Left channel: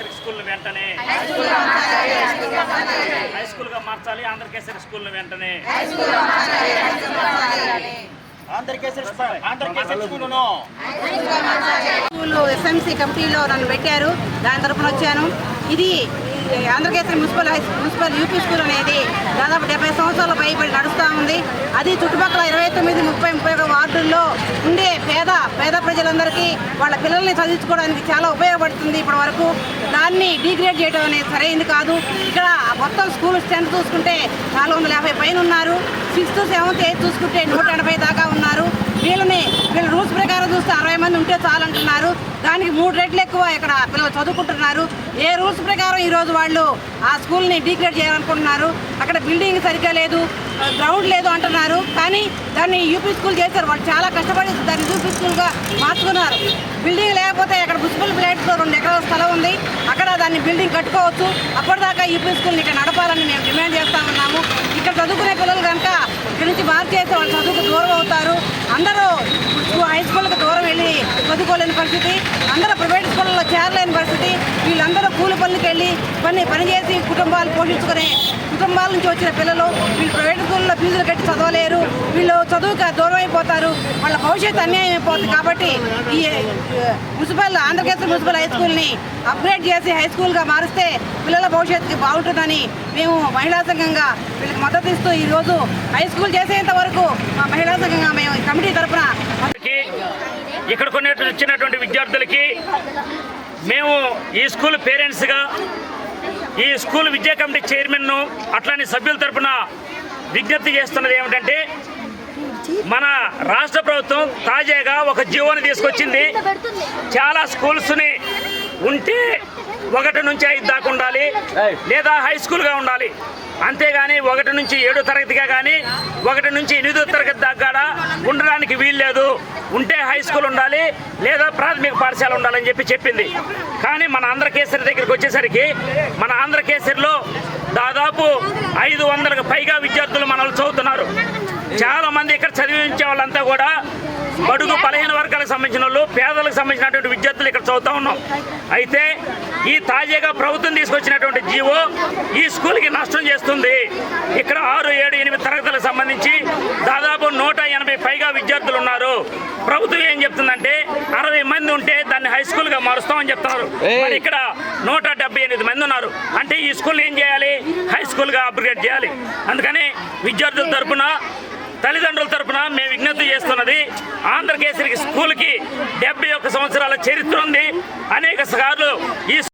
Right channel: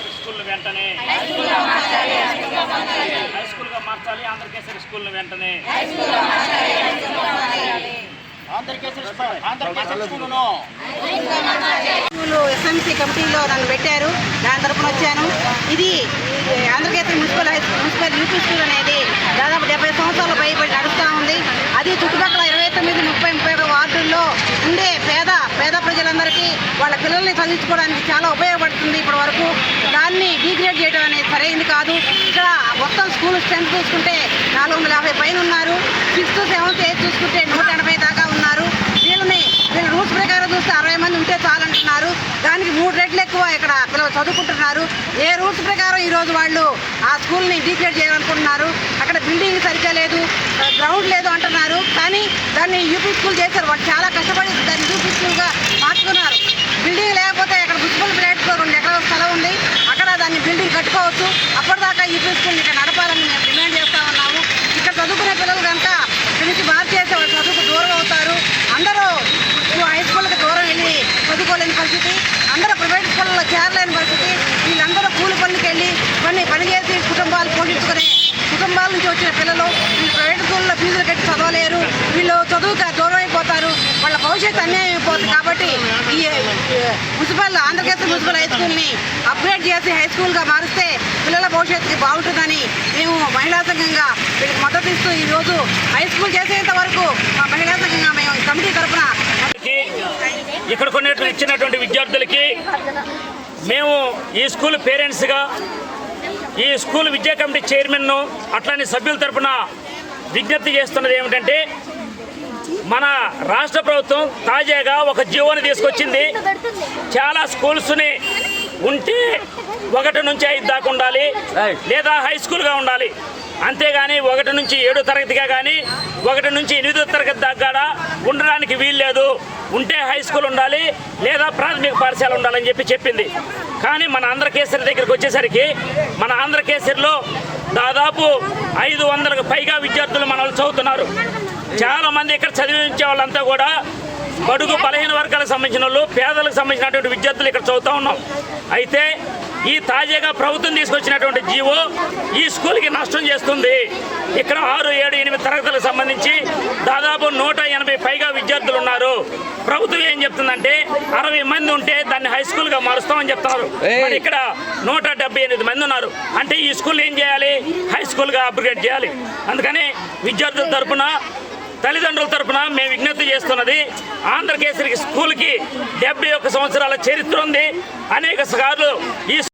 కేసరి స్కూల్ని వెంటనే. హై స్కూల్గా మార్చాలి ఆంధ్రకేసరి స్కూల్ని వెంటనే. ఎస్ఎంసీ కమిటీలో నన్ను పెట్టారు. దాని తరఫున వచ్చాను. ఇది Andhrakesari municipal municipal UP school అనేది దాదాపు డెబ్బై సంవత్సరాలు పైబడి నడుస్తూ ఉంది. అది చుట్టుపక్కల ఇరవై తొమ్మిది ముప్పై ముప్పై ఒక వార్డు పేద ప్రజలందరికీ వాళ్ళ పిల్లల్ని చదివించుకోవడానికి చాలా ఉపయోగపడుతుంది. ఇప్పటి వరకు దాన్ని డిగ్రేడ్ చేయడం అనేది సరైనది కాదు. ఇక్కడ మొత్తం స్కూల్ స్ట్రెంత్ చూసుకుంటే నాలుగు వందల యాభై పైన ఉన్నారు. సిక్స్త్ సెవెంత్ ఎయిత్ చూసుకుంటే నూట ఎనభై దాకా రూల్స్ ప్రకారం చూస్తే అరవై మంది ఉంటే చాలంటున్నారు. దానికి మూడు రెట్లు ఎక్కువ ఇక్కడ పిల్లలు చదువుకుంటున్నారు. ఏ రూల్స్ ప్రకారం ఈరోజు వాళ్ళు ఆ స్కూల్ని డీక్రేట్ చేయాలనుకుంటున్నారు? అక్కడ బిల్డింగ్ సరిగ్గా లేదు గ్రౌండ్ లేదు అంటున్నారు. కానీ దాన్ని యూపీ స్కూల్ చేశారు. వాళ్ళు చాలా కష్టపడి దాన్ని యూపీ స్కూల్గా మార్చుకున్నారు. బిల్డింగ్ లేకపోతే అక్కడ మున్సిపల్ ఫ్లాట్స్లో రెండు ఎకరాల స్థలం ఉంది. అక్కడ దాన్ని బిల్డింగ్ కట్టుకోవచ్చు. అప్పటిదాకా యూపీ స్కూల్ని ఇక్కడ నడపాలని మేము డిమాండ్ చేస్తా ఉన్నాము. ఇక్కడ చదువుకునే పిల్లలు కనుక ఇక్కడి నుంచి మార్చేస్తే వాళ్ళు చదువుకు దూరం అవుతారు. అందరూ హై స్కూల్కి దూరం వెళ్ళి చదువుకోలేని పరిస్థితి అందరూ ప్రైవేట్ స్కూళ్ళలో చేరలేని పరిస్థితి వీళ్ళందరూ కూలి పనులకు వెళ్ళి కొన్ని పనిచేసి కుటుంబాలు పోషించుకునే కుటుంబాల నుంచి వచ్చిన పిల్లలు ఈ ప్రైవేట్ స్కూల్లో ఫీజులు కట్టి చదవలేరు. వీళ్ళు చదువుకు దూరం అయిపోతారు. వాళ్ళ భవిష్యత్తు అన్యాయం అయిపోతుంది కాబట్టి ఈ మున్సిపల్ ఆంధ్రప్రదేశ్ మున్సిపల్ హై స్కూల్ని అప్గ్రేడ్ చేసి హై స్కూల్గా మారిస్తే పిల్లల భవిష్యత్తుకి బాగుంటుందని మేము మహిళా సంఘంగా వీళ్ళకి మద్దతు ఇస్తూ ఈరోజు హై స్కూల్ చేసేంత వరకు మా మహిళా సంఘంగా మేము కమిటీ తరఫున ఇక్కడ కొన్ని వచ్చినటువంటి విద్యార్థులకి మేము ఈ స్కూల్ పేరెంట్స్గా ఈ స్కూల్ విద్యా కమిటీ చైర్మన్ను అట్లానే సభ్యుల తరపున విజ్ఞప్తి చేస్తున్నది ఏమిటంటే మన రాష్ట్ర ప్రభుత్వం తాజాగా ఒక జీవోని తీసుకొచ్చింది. చాలా స్కూల్స్ని ఉంటే ఒకటి నుంచి ఐదు దాకా ఉండాలి లేదా హై స్కూల్గా ఉండాలి. అంతేగాని ఒకటి నుంచి ఏడో తరగతిగా కానీ ఒకటి నుంచి ఎనిమిదో తరగతి దాకా కూడా ఉండడానికి వీల్లేదు. ఉంటే హై స్కూల్ ఉండాలి లేదా ప్రాథమిక పాఠశాల ఉండాలని చెప్పి చెప్పింది. కానీ మన ఆంధ్రకేసరి దగ్గరికి వచ్చేసరికి మన ఆంధ్రకేసరిలో దాదాపు ఐదు వందలకు పైగా విద్యార్థులు మనల్ని చదువుతున్నారు. చాలా మంది ఇక్కడ చదివించే వాళ్ళంతా కూడా బడుగు బలహీన వర్గాలకు సంబంధించిన వాళ్ళు పేదలకు సంబంధించినటువంటి విద్యార్థులు ఇక్కడ చదువుతూ ఉన్నాం. అయితే ఈ తాజాగా ప్రభుత్వం తీసుకొచ్చినటువంటి జీవో ఈ స్కూల్కి నష్టం చేస్తుంది. ఇక్కడ ఆరు ఏడు ఎనిమిది తరగతులకు సంబంధించి దాదాపు నూట ఎనభై పైగా విద్యార్థులు ఉన్నారు. ప్రభుత్వం ఏం చెప్తుందంటే అరవై మంది ఉంటే దాన్ని హై స్కూల్గా మారుస్తామని చెప్తున్నారు. మరి ఇక్కడ నూట డెబ్బై ఎనిమిది మంది ఉన్నారు. అంటే ఈ స్కూల్ ఏం చేయాలి? హై స్కూల్గా అప్గ్రేడ్ చేయాలి. అందుకని విద్యార్థుల తరపున తల్లిదండ్రుల తరపున మేము విజ్ఞప్తి చేస్తున్నది ఆంధ్రకేసరికి స్కూల్కి డెబ్బై ఒక్క సంవత్సరాల చరిత్ర ఉంది. అనేక సార్లు ఈ